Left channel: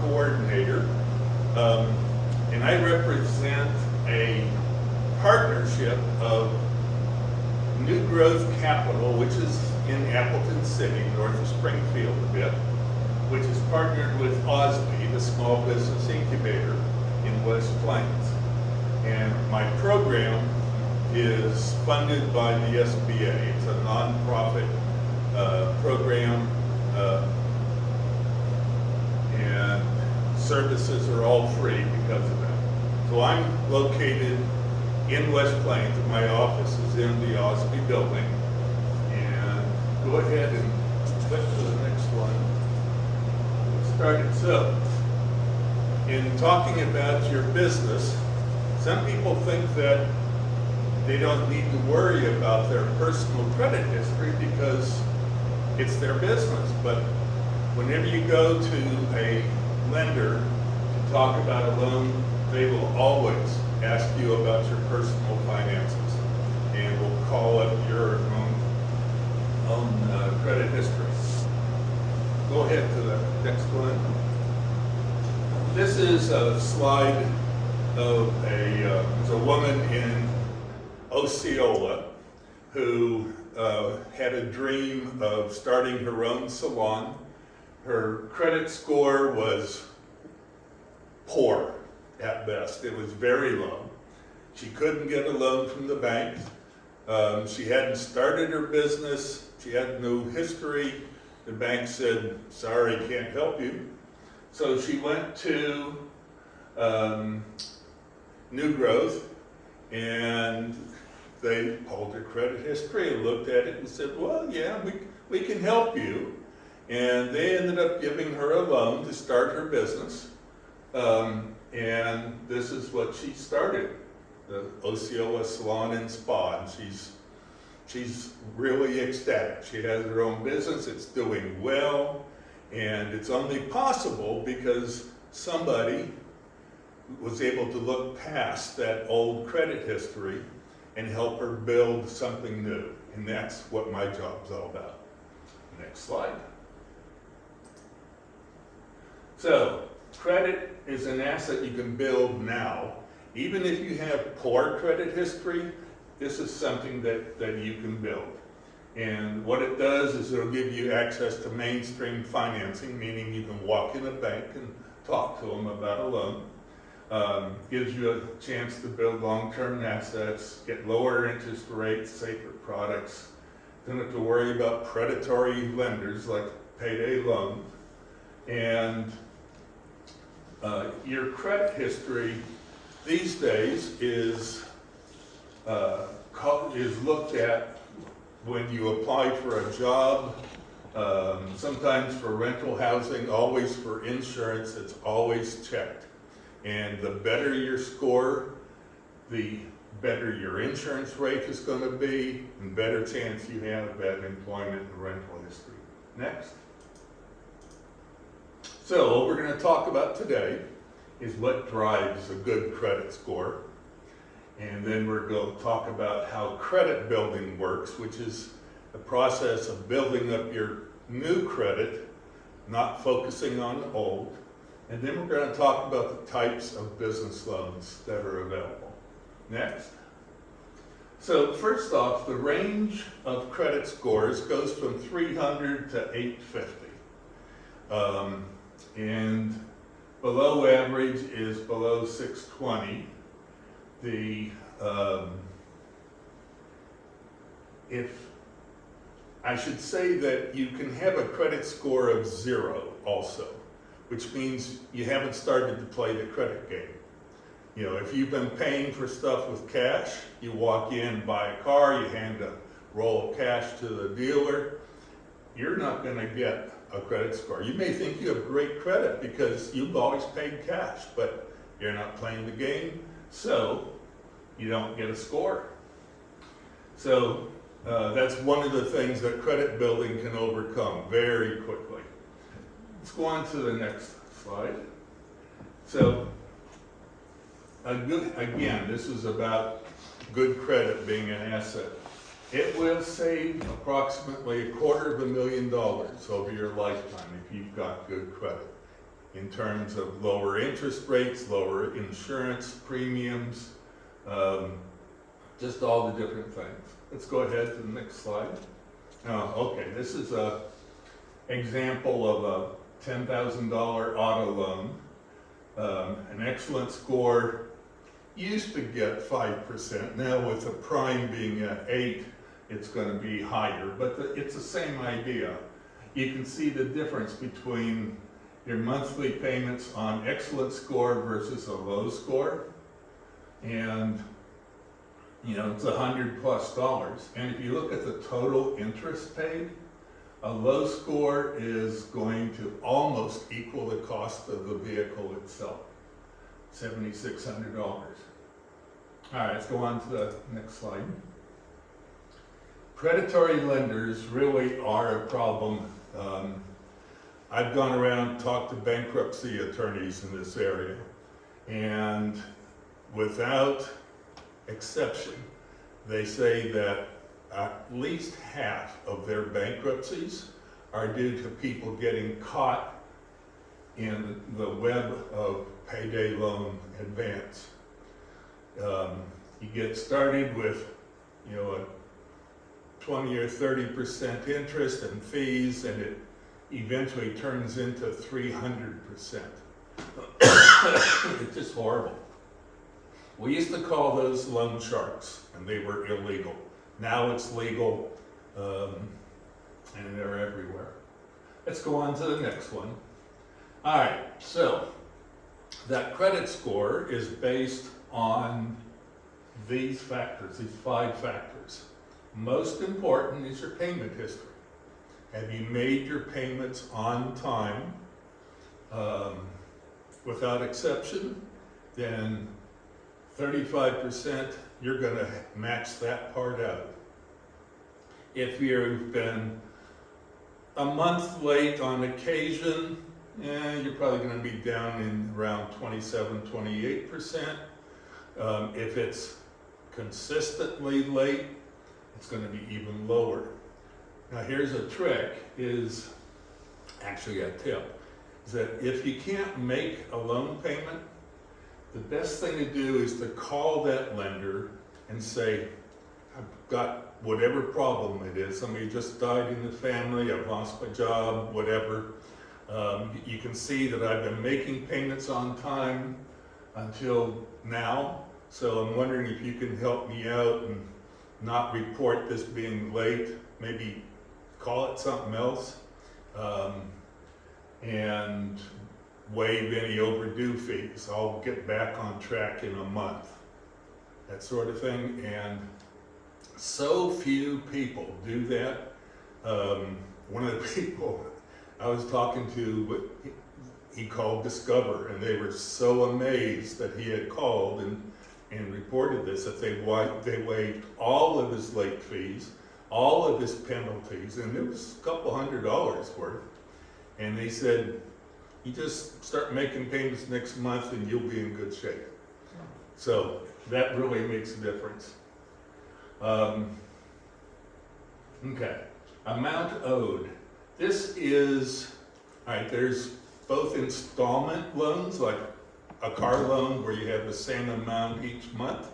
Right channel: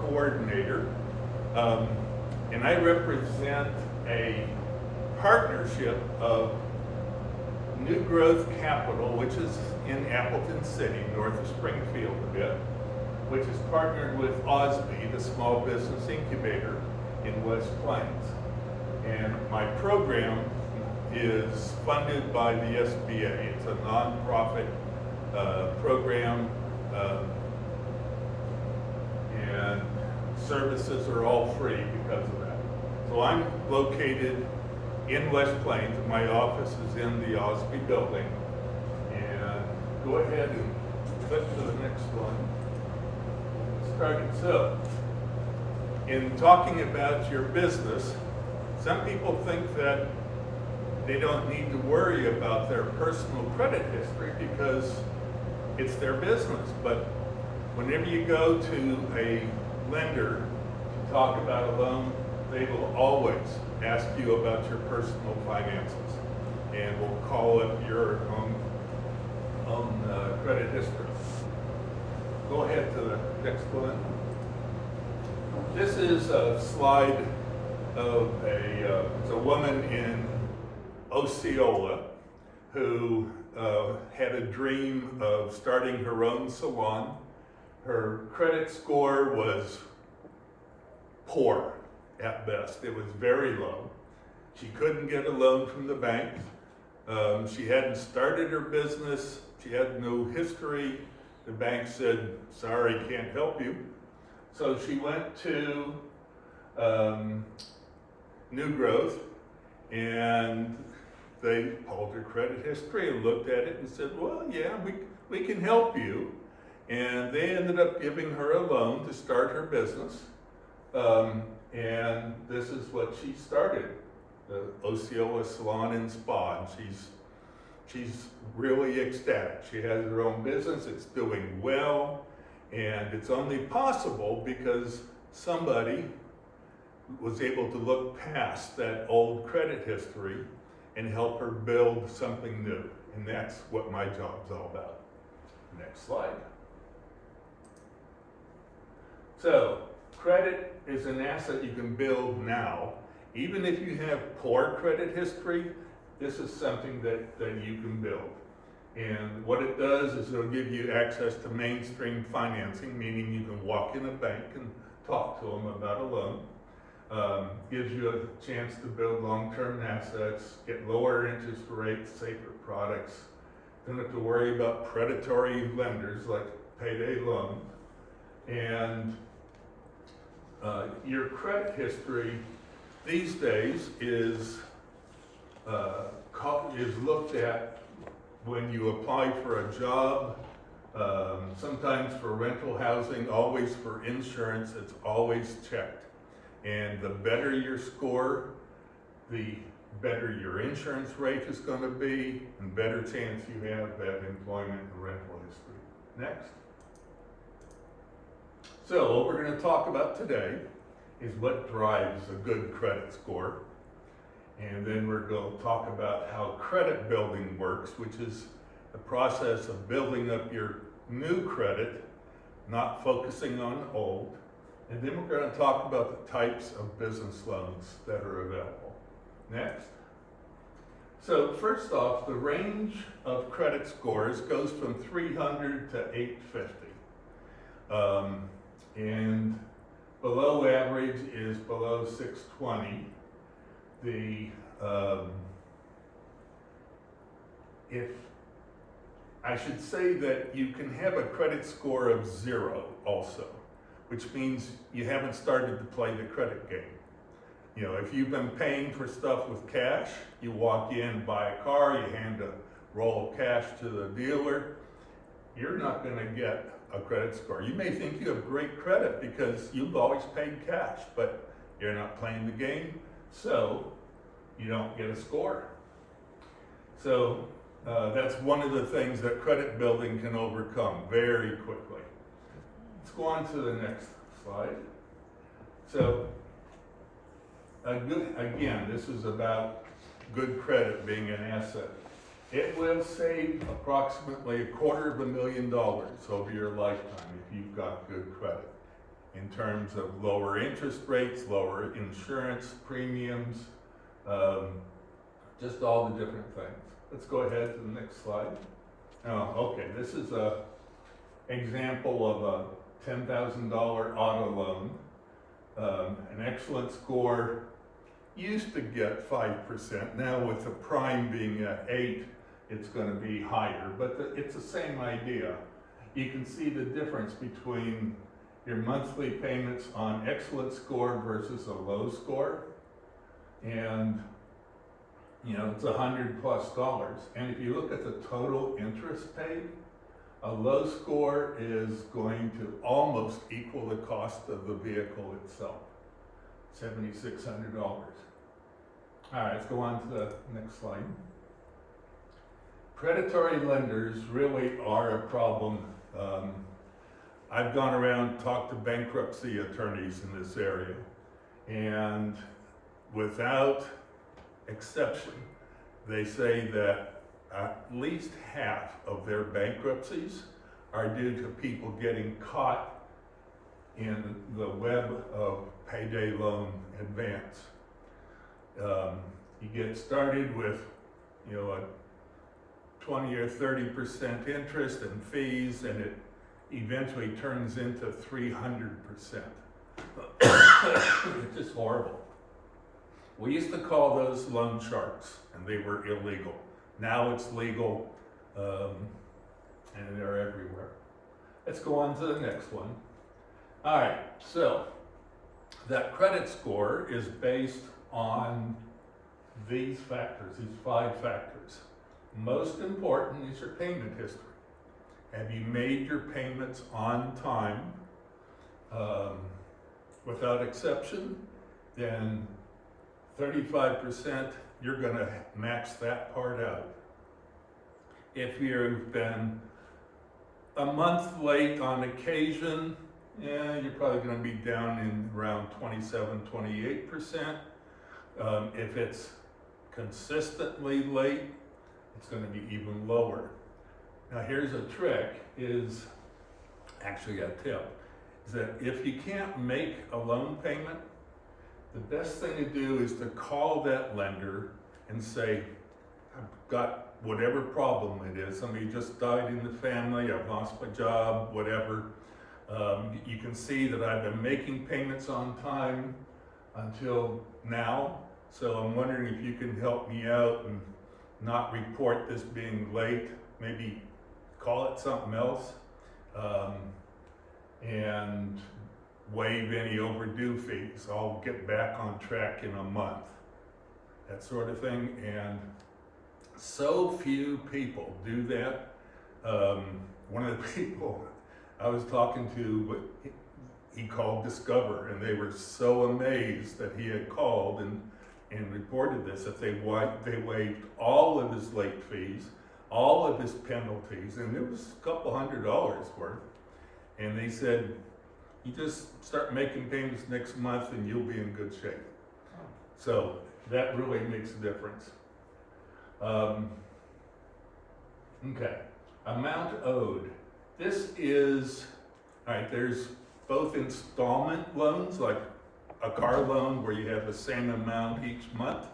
coordinator, and I represent a partnership of New Growth Capital, which is in Appleton City, north of Springfield a bit, which is partnered with OZBI, the Small Business Incubator in West Plains. And my program is funded by the SBA. It's a nonprofit program, and services are all free because of that. So I'm located in West Plains. My office is in the OZBI building. And go ahead and click to the next one. Get started. So, in talking about your business, some people think that they don't need to worry about their personal credit history because it's their business. But whenever you go to a lender to talk about a loan, they will always ask you about your personal finances and will call it your own credit history. Go ahead to the next one. This is a slide of a woman in Osceola who had a dream of starting her own salon. Her credit score was poor at best. It was very low. She couldn't get a loan from the bank. She hadn't started her business. She had no history. The bank said, sorry, can't help you. So she went to New Growth, and they pulled her credit history and looked at it and said, well, yeah, we can help you. And they ended up giving her a loan to start her business. And this is what she started, the Osceola Salon and Spa. And she's really ecstatic. She has her own business, it's doing well, and it's only possible because somebody was able to look past that old credit history and help her build something new. And that's what my job's all about. Next slide. So, credit is an asset you can build now. Even if you have poor credit history, this is something that you can build. And what it does is it'll give you access to mainstream financing, meaning you can walk in a bank and talk to them about a loan. Gives you a chance to build long-term assets, get lower interest rates, safer products. Don't have to worry about predatory lenders like payday loans. And your credit history these days is looked at when you apply for a job, sometimes for rental housing, always for insurance. It's always checked. And the better your score, the better your insurance rate is going to be, and better chance you have at employment and rental history. Next. So what we're going to talk about today is what drives a good credit score. And then we're going to talk about how credit building works, which is the process of building up your new credit, not focusing on old. And then we're going to talk about the types of business loans that are available. Next. So first off, the range of credit scores goes from 300 to 850. And below average is below 620. If I should say that you can have a credit score of 0 also, which means you haven't started to play the credit game. You know, if you've been paying for stuff with cash, you walk in, buy a car, you hand a roll of cash to the dealer, you're not going to get a credit score. You may think you have great credit because you've always paid cash, but you're not playing the game, so you don't get a score. So that's one of the things that credit building can overcome very quickly. Let's go on to the next slide. So again, this is about good credit being an asset. It will save approximately $250,000 over your lifetime if you've got good credit. in terms of lower interest rates, lower insurance premiums, just all the different things. Let's go ahead to the next slide. Oh, okay, this is a example of a $10,000 auto loan. An excellent score used to get 5%. Now with the prime being at 8, it's going to be higher, but it's the same idea. You can see the difference between your monthly payments on excellent score versus a low score. And you know, it's $100+. And if you look at the total interest paid, a low score is going to almost equal the cost of the vehicle itself, $7,600. All right, let's go on to the next slide. Predatory lenders really are a problem. I've gone around and talked to bankruptcy attorneys in this area, and without exception, they say that at least half of their bankruptcies are due to people getting caught in the web of payday loan advance. You get started with, you know, a 20 or 30% interest and fees, and it eventually turns into 300%. It's just horrible. We used to call those loan sharks, and they were illegal. Now it's legal, and they're everywhere. Let's go on to the next one. All right, so that credit score is based on these factors, these 5 factors. Most important is your payment history. Have you made your payments on time? Without exception, then 35%, you're going to max that part out. If you've been a month late on occasion, you're probably going to be down in around 27, 28%. If it's consistently late, it's going to be even lower. Now here's a trick, is actually a tip, is that if you can't make a loan payment, the best thing to do is to call that lender and say, I've got whatever problem it is. Somebody just died in the family, I've lost my job, whatever. You can see that I've been making payments on time until now. So I'm wondering if you can help me out and not report this being late, maybe call it something else, and waive any overdue fees. I'll get back on track in a month, that sort of thing. And so few people do that. One of the people I was talking to, he called Discover, and they were so amazed that he had called and reported this, that they waived all of his late fees, all of his penalties, and it was a couple $100 worth. And they said, you just start making payments next month and you'll be in good shape. So that really makes a difference. Okay, amount owed. This is, all right, there's both installment loans, like a car loan where you have the same amount each month.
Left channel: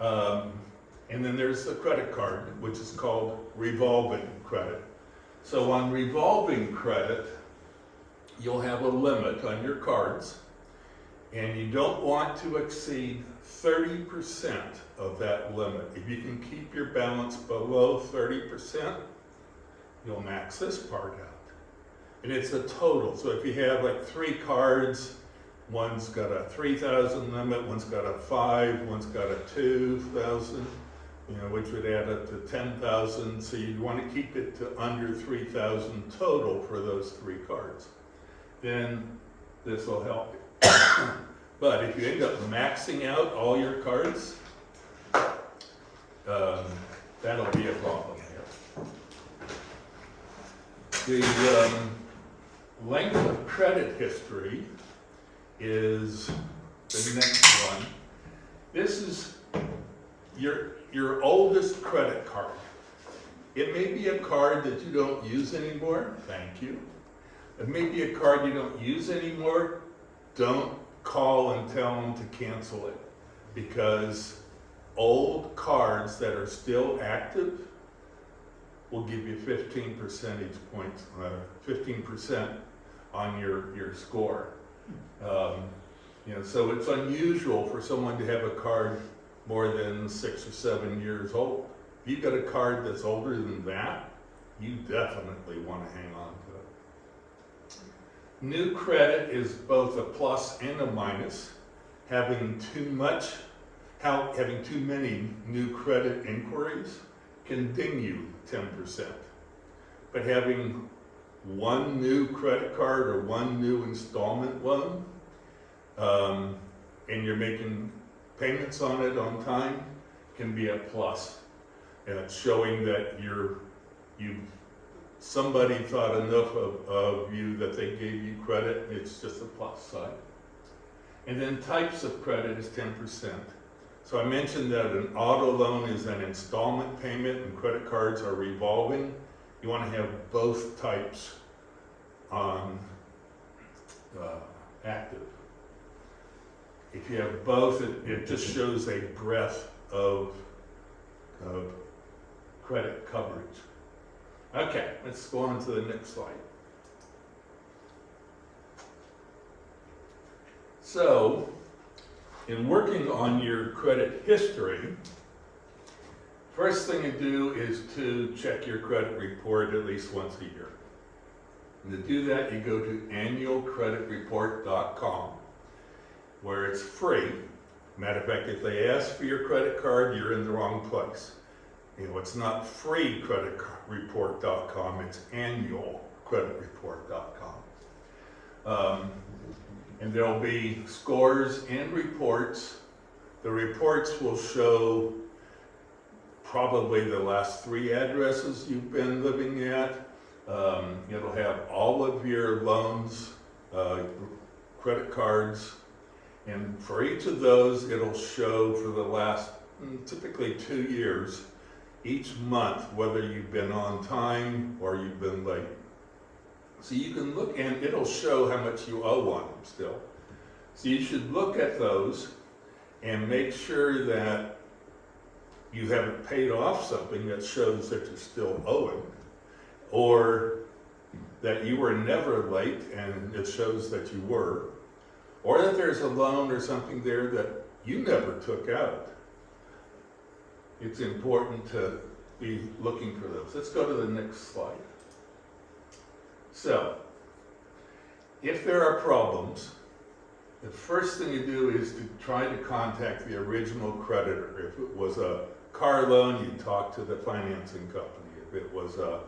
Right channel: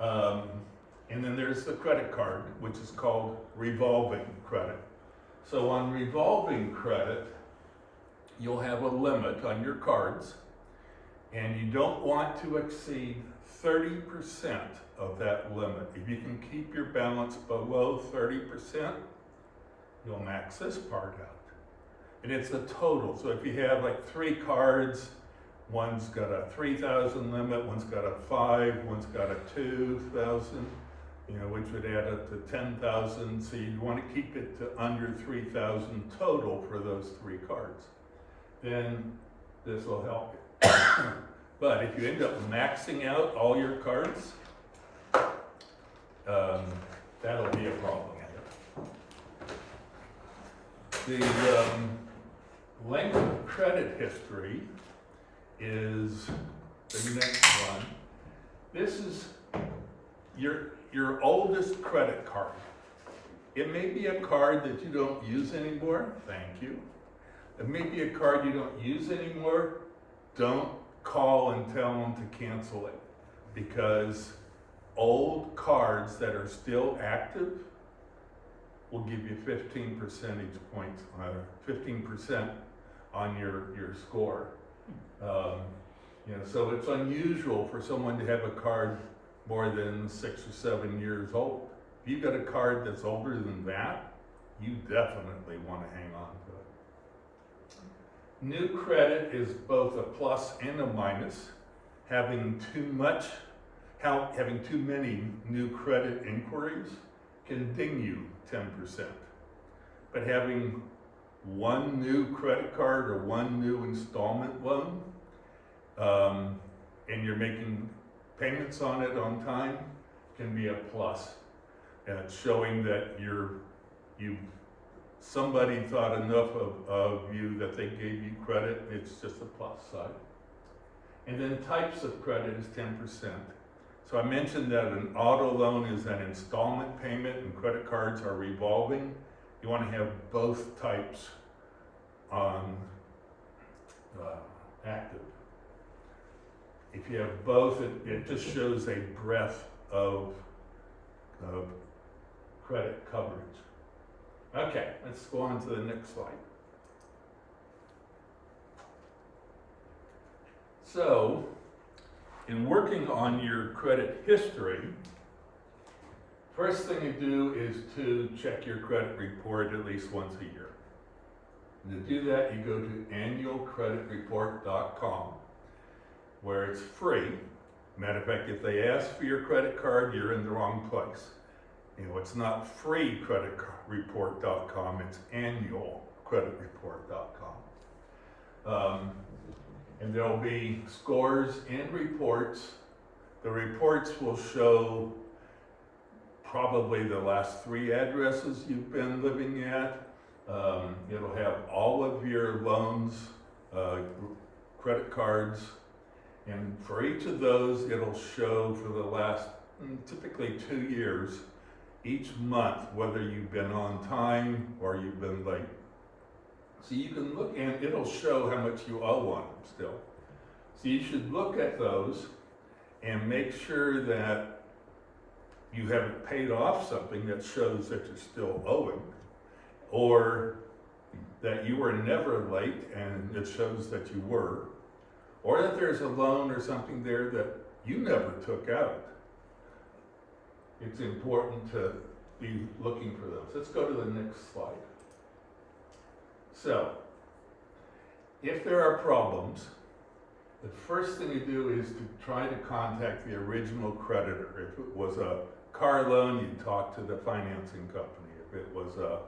And then there's the credit card, which is called revolving credit. So on revolving credit, you'll have a limit on your cards, and you don't want to exceed 30% of that limit. If you can keep your balance below 30%, you'll max this part out. And it's a total. So if you have like 3 cards, one's got a 3,000 limit, one's got a 5, one's got a 2,000, which would add up to 10,000. So you want to keep it to under 3,000 total for those 3 cards. Then this will help you. But if you end up maxing out all your cards, that'll be a problem here. The length of credit history is the next one. This is your oldest credit card. It may be a card that you don't use anymore, thank you. It may be a card you don't use anymore. Don't call and tell them to cancel it, because old cards that are still active will give you 15 percentage points, 15% on your score. So it's unusual for someone to have a card more than 6 or 7 years old. If you've got a card that's older than that, you definitely want to hang on to it. New credit is both a plus and a minus. Having too many new credit inquiries can ding you 10%. But having one new credit card or one new installment loan, and you're making payments on it on time, can be a plus. And it's showing that somebody thought enough of you that they gave you credit. It's just a plus side. And then types of credit is 10%. So I mentioned that an auto loan is an installment payment and credit cards are revolving. You want to have both types active. If you have both, it just shows a breadth of credit coverage. Okay, let's go on to the next slide. So, in working on your credit history, first thing to do is to check your credit report at least once a year. And to do that, you go to annualcreditreport.com, where it's free. Matter of fact, if they ask for your credit card, you're in the wrong place. It's not freecreditreport.com, it's annualcreditreport.com. And there'll be scores and reports. The reports will show probably the last 3 addresses you've been living at. It'll have all of your loans, credit cards, and for each of those, it'll show for the last typically 2 years, each month, whether you've been on time or you've been late. So you can look, and it'll show how much you owe on them still. So you should look at those and make sure that you haven't paid off something that shows that you're still owing, or that you were never late and it shows that you were, or that there's a loan or something there that you never took out. It's important to be looking for those. Let's go to the next slide. So, if there are problems, the first thing you do is to try to contact the original creditor. If it was a car loan, you talk to the financing company. If it was a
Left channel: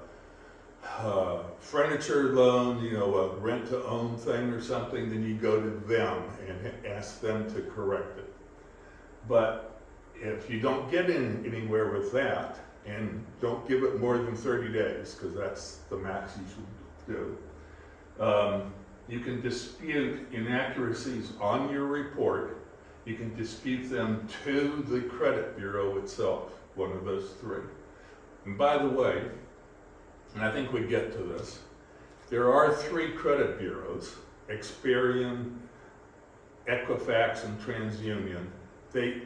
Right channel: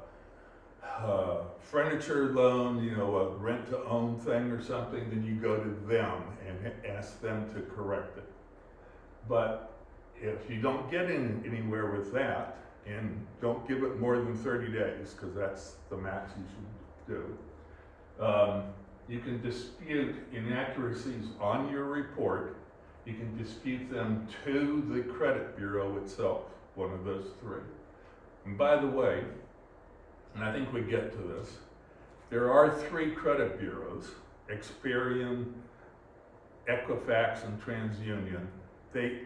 furniture loan, a rent-to-own thing or something, then you go to them and ask them to correct it. But if you don't get anywhere with that, and don't give it more than 30 days, because that's the max you should do, you can dispute inaccuracies on your report. You can dispute them to the credit bureau itself, one of those 3. And by the way, and I think we get to this, there are 3 credit bureaus, Experian, Equifax, and TransUnion. They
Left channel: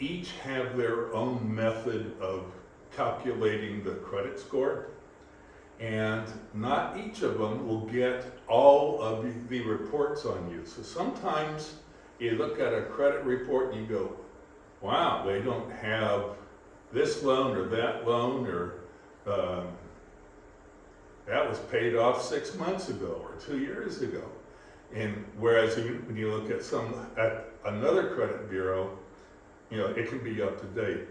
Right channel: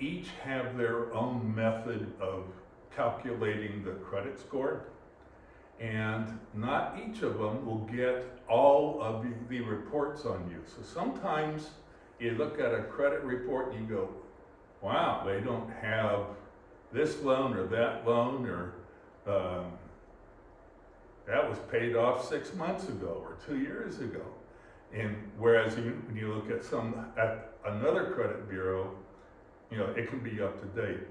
each have their own method of calculating the credit score, and not each of them will get all of the reports on you. So sometimes you look at a credit report and you go, wow, they don't have this loan or that loan, or that was paid off 6 months ago or 2 years ago. And whereas when you look at another credit bureau, it can be up to date.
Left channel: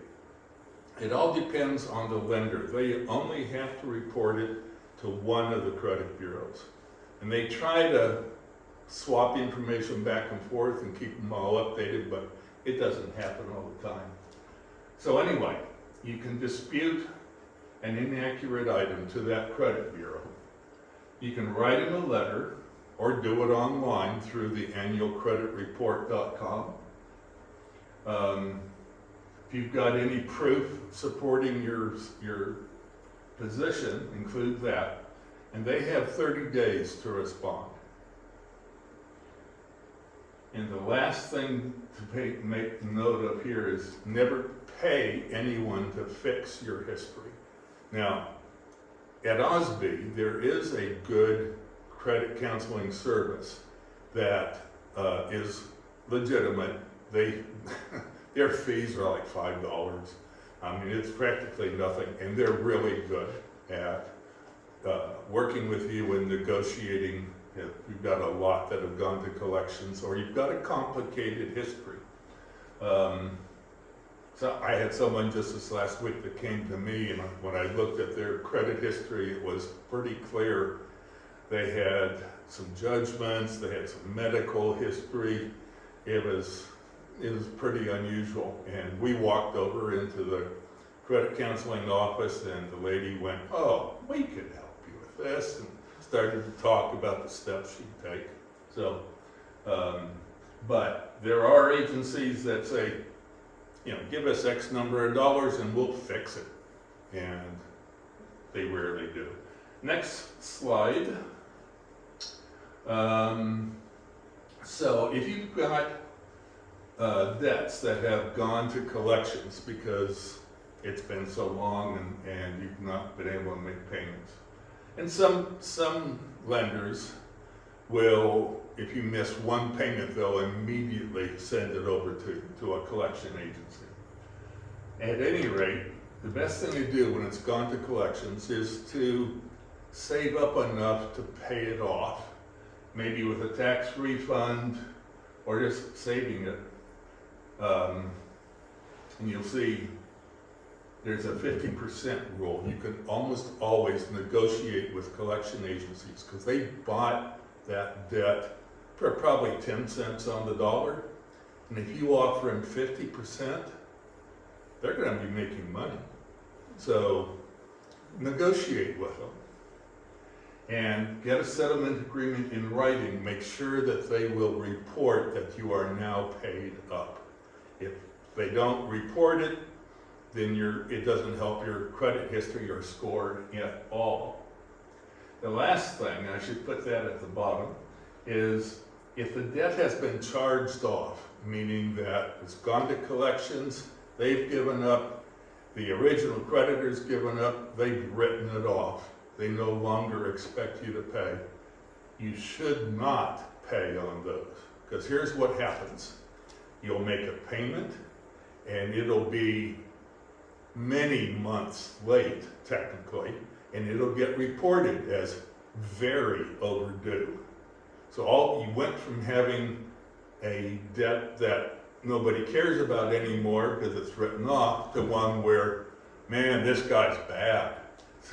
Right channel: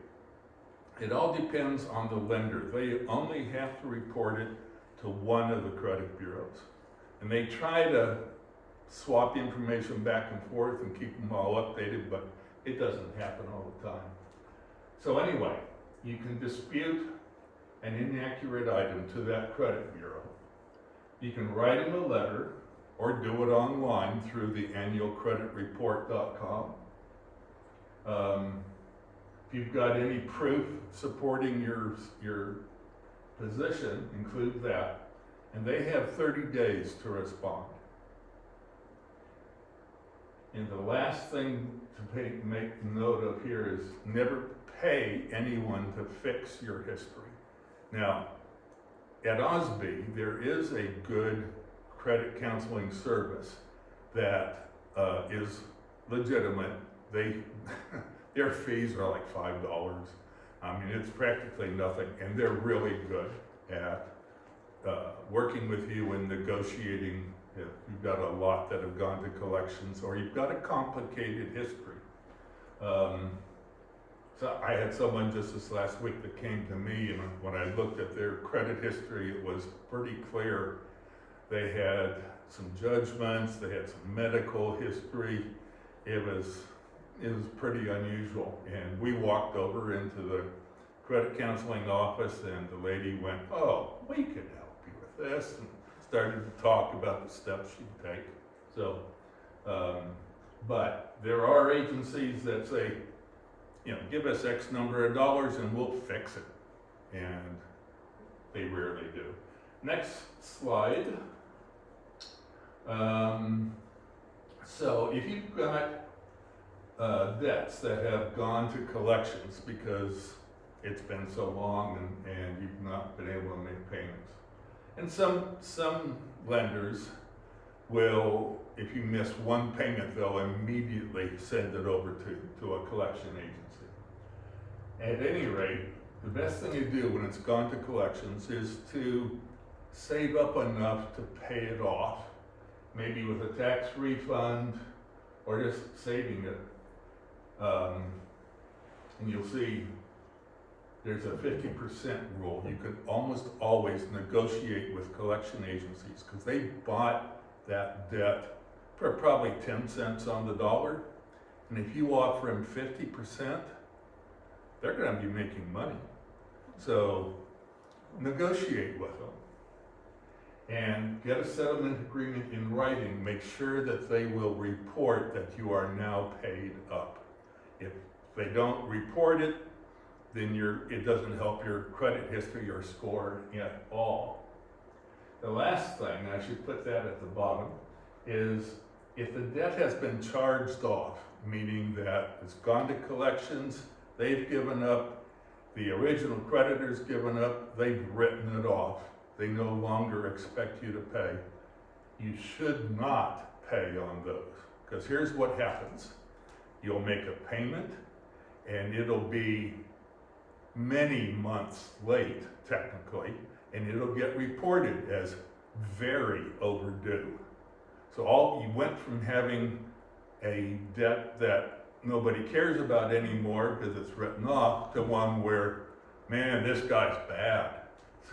It all depends on the lender. They only have to report it to one of the credit bureaus. And they try to swap information back and forth and keep them all updated, but it doesn't happen all the time. So anyway, you can dispute an inaccurate item to that credit bureau. You can write them a letter or do it online through the annualcreditreport.com. If you've got any proof supporting your position, include that. and they have 30 days to respond. And the last thing to make note of here is never pay anyone to fix your history. Now, at OZBI, there is a good credit counseling service that is legitimate. Their fees are like $5. I mean, it's practically nothing, and they're really good at working with you and negotiating. If you've got a lot that have gone to collections, or you've got a complicated history. So I had someone just this last week that came to me, and when I looked at their credit history, it was pretty clear. They had some judgments, they had some medical history. It was pretty unusual. And we walked over into the credit counseling office, and the lady went, "Oh, we could help you with this," and started to talk about the steps she'd take. So, but there are agencies that say, give us X number of dollars and we'll fix it. And they rarely do. Next slide. So if you've got debts that have gone to collections because it's been so long and you've not been able to make payments. And some lenders will, if you miss one payment, they'll immediately send it over to a collection agency. At any rate, the best thing to do when it's gone to collections is to save up enough to pay it off, maybe with a tax refund or just saving it. And you'll see there's a 50% rule. You can almost always negotiate with collection agencies because they bought that debt for probably 10 cents on the dollar. And if you offer them 50%, they're going to be making money. So negotiate with them and get a settlement agreement in writing. Make sure that they will report that you are now paid up. If they don't report it, then it doesn't help your credit history or score at all. The last thing, I should put that at the bottom, is if the debt has been charged off, meaning that it's gone to collections, they've given up, the original creditor's given up, they've written it off, they no longer expect you to pay, you should not pay on those. Because here's what happens. You'll make a payment, and it'll be many months late, technically, and it'll get reported as very overdue. So you went from having a debt that nobody cares about anymore because it's written off to one where, man, this guy's bad.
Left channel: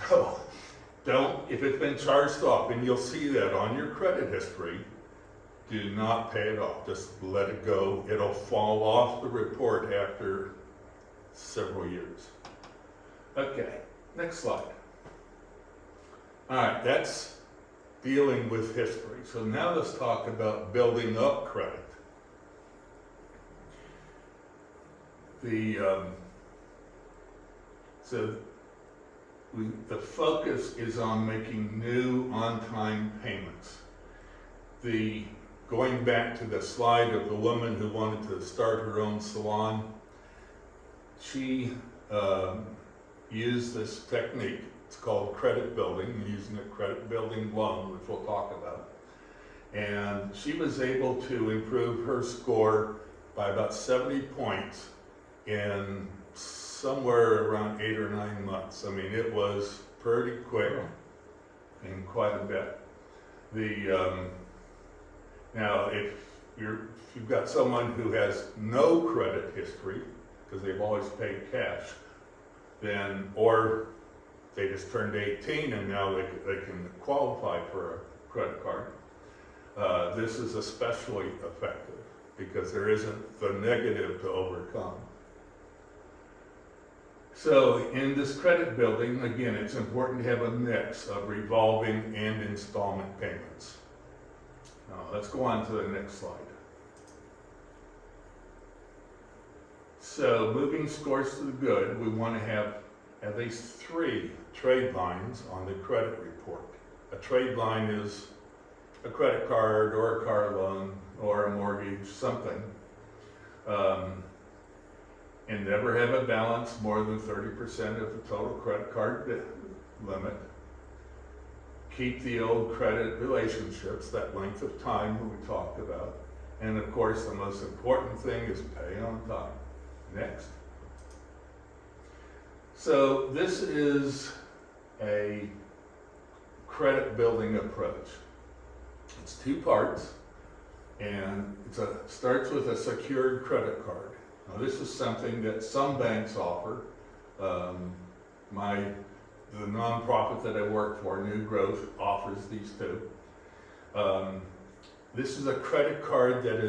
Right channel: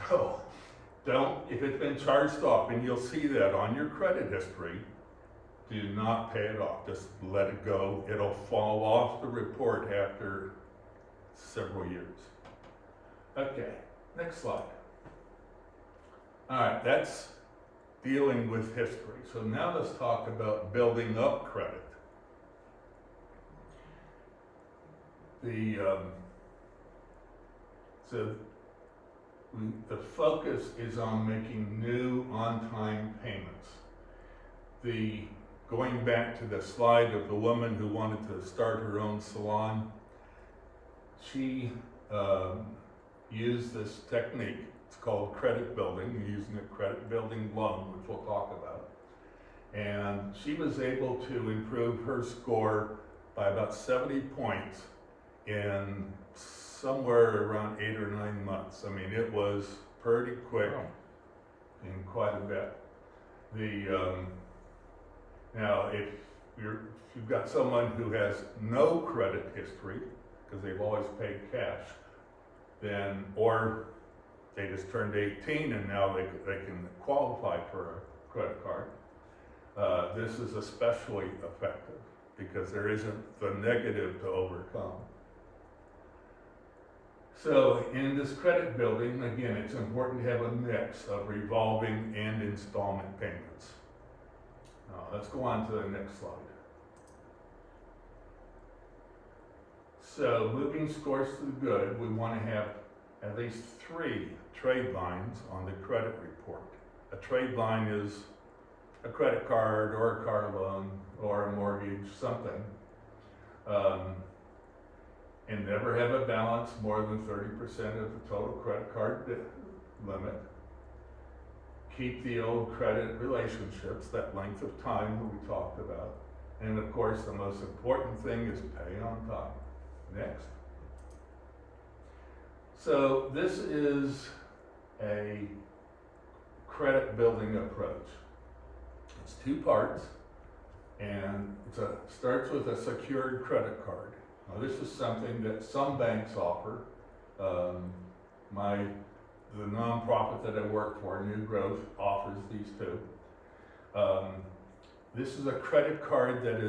So if it's been charged off, and you'll see that on your credit history, do not pay it off. Just let it go. It'll fall off the report after several years. Okay, next slide. All right, that's dealing with history. So now let's talk about building up credit. The focus is on making new on-time payments. Going back to the slide of the woman who wanted to start her own salon, she used this technique. It's called credit building, using a credit building loan, which we'll talk about. And she was able to improve her score by about 70 points in somewhere around 8 or 9 months. I mean, it was pretty quick and quite a bit. Now, if you've got someone who has no credit history, because they've always paid cash, or they just turned 18 and now they can qualify for a credit card, this is especially effective because there isn't the negative to overcome. So in this credit building, again, it's important to have a mix of revolving and installment payments. Now let's go on to the next slide. So moving scores to the good, we want to have at least 3 trade lines on the credit report. A trade line is a credit card or a car loan or a mortgage, something. And never have a balance more than 30% of the total credit card limit. Keep the old credit relationships, that length of time that we talked about. And of course, the most important thing is pay on time. Next. So this is a credit building approach. It's two parts, and it starts with a secured credit card. Now, this is something that some banks offer. The nonprofit that I work for, New Growth, offers these two. This is a credit card that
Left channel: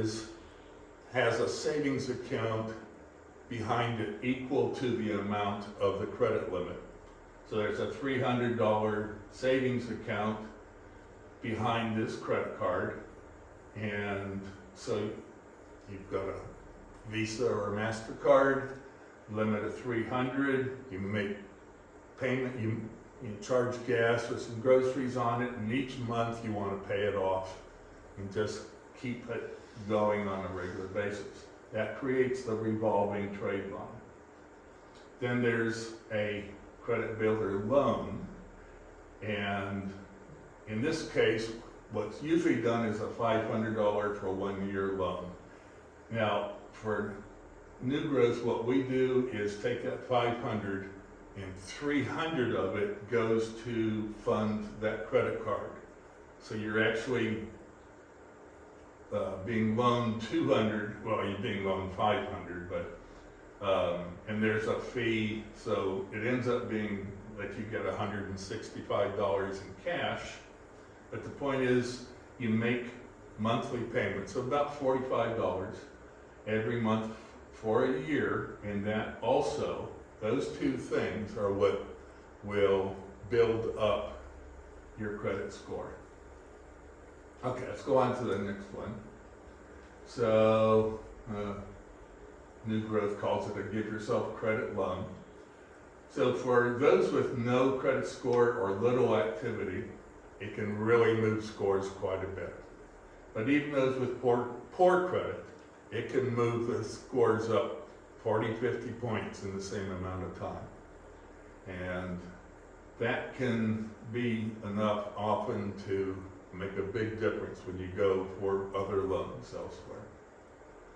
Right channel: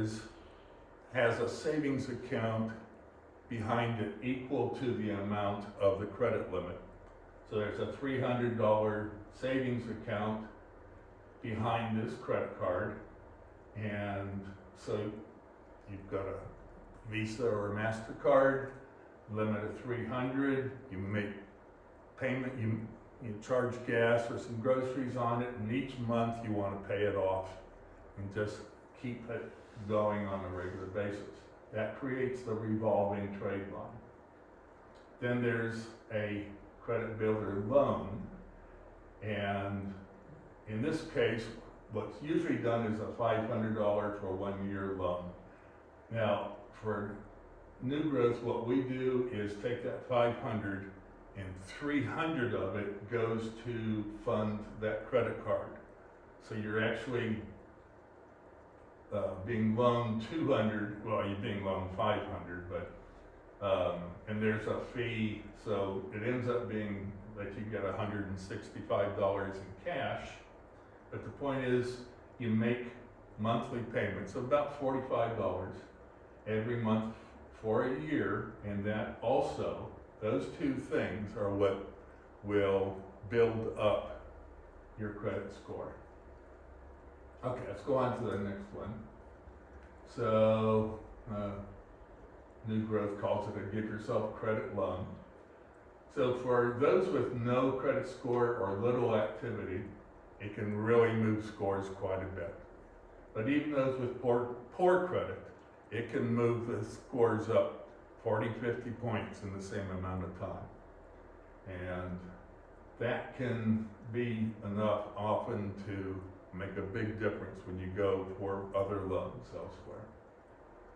has a savings account behind it equal to the amount of the credit limit. So there's a $300 savings account behind this credit card, and so you've got a Visa or a MasterCard, limit of $300. You make payment, you charge gas with some groceries on it, and each month you want to pay it off and just keep it going on a regular basis. That creates the revolving trade line. Then there's a credit builder loan, and in this case, what's usually done is a $500 for a 1-year loan. Now, for New Growth, what we do is take that $500 and $300 of it goes to fund that credit card. So you're actually being loaned $200, well, you're being loaned $500, but and there's a fee, so it ends up being that you get $165 in cash. But the point is, you make monthly payments of about $45 every month for a year, and that also, those two things are what will build up your credit score. Okay, let's go on to the next one. So, New Growth calls it a give yourself credit loan. So for those with no credit score or little activity, it can really move scores quite a bit. But even those with poor credit, it can move the scores up 40, 50 points in the same amount of time. And that can be enough often to make a big difference when you go for other loans elsewhere.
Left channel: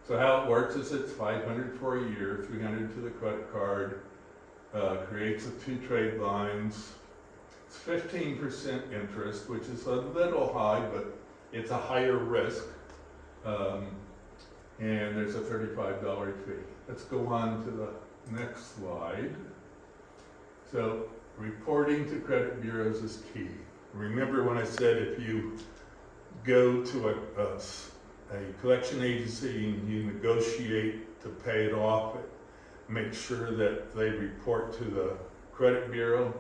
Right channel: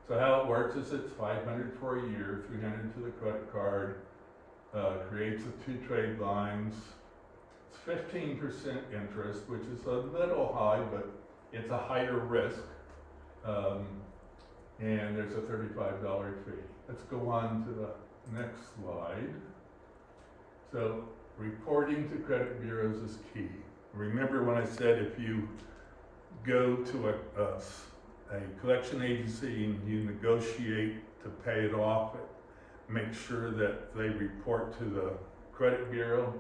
So how it works is it's $500 for a year, $300 to the credit card, creates the two trade lines. It's 15% interest, which is a little high, but it's a higher risk. And there's a $35 fee. Let's go on to the next slide. So reporting to credit bureaus is key. Remember when I said if you go to a collection agency and you negotiate to pay it off, make sure that they report to the credit bureau.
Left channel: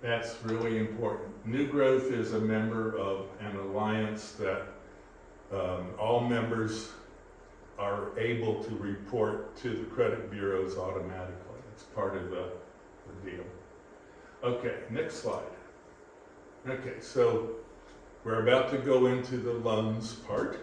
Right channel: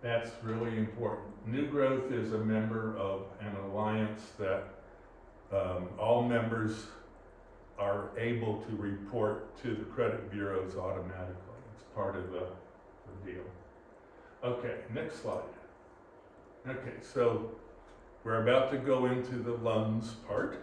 That's really important. New Growth is a member of an alliance that all members are able to report to the credit bureaus automatically. It's part of the deal. Okay, next slide. Okay, so we're about to go into the loans part.